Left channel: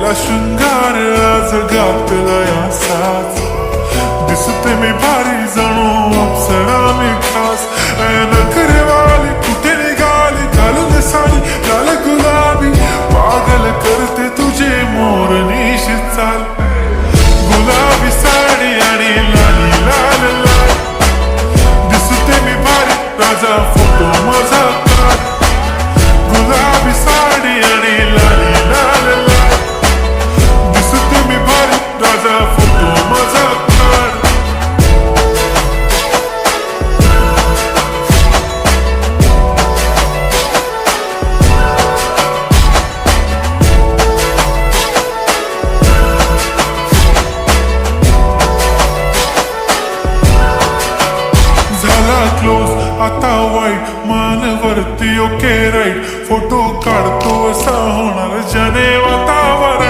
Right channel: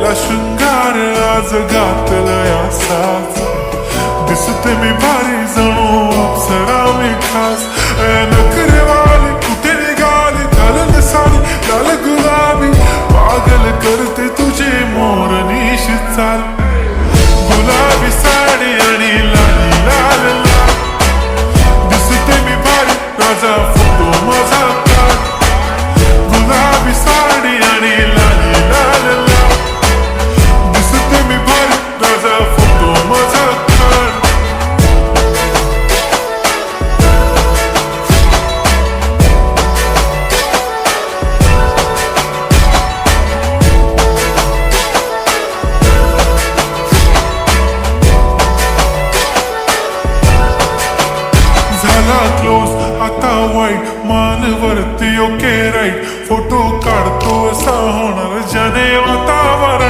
ला शृंगार आज घातलाय असाच, दिसते मी भारी जणू अप्सरा मी खास. नखरेवाली कुठे निघाली घालून साडी लाल गुलाबी, पागल करते तुझे मोरनीशी चाल. गुलाबी साडी आणि लाली लाल लाल, दिसते मी भारी राजा फोटो माझा काढ. गुलाबी साडी आणि लाली लाल लाल, दिसते मी भारी राजा फोटो माझा काढ. झाला क्लोज आता वाईट, मान वरती ओके राईट. फोटो काढतो असा होणार जने वातावरण.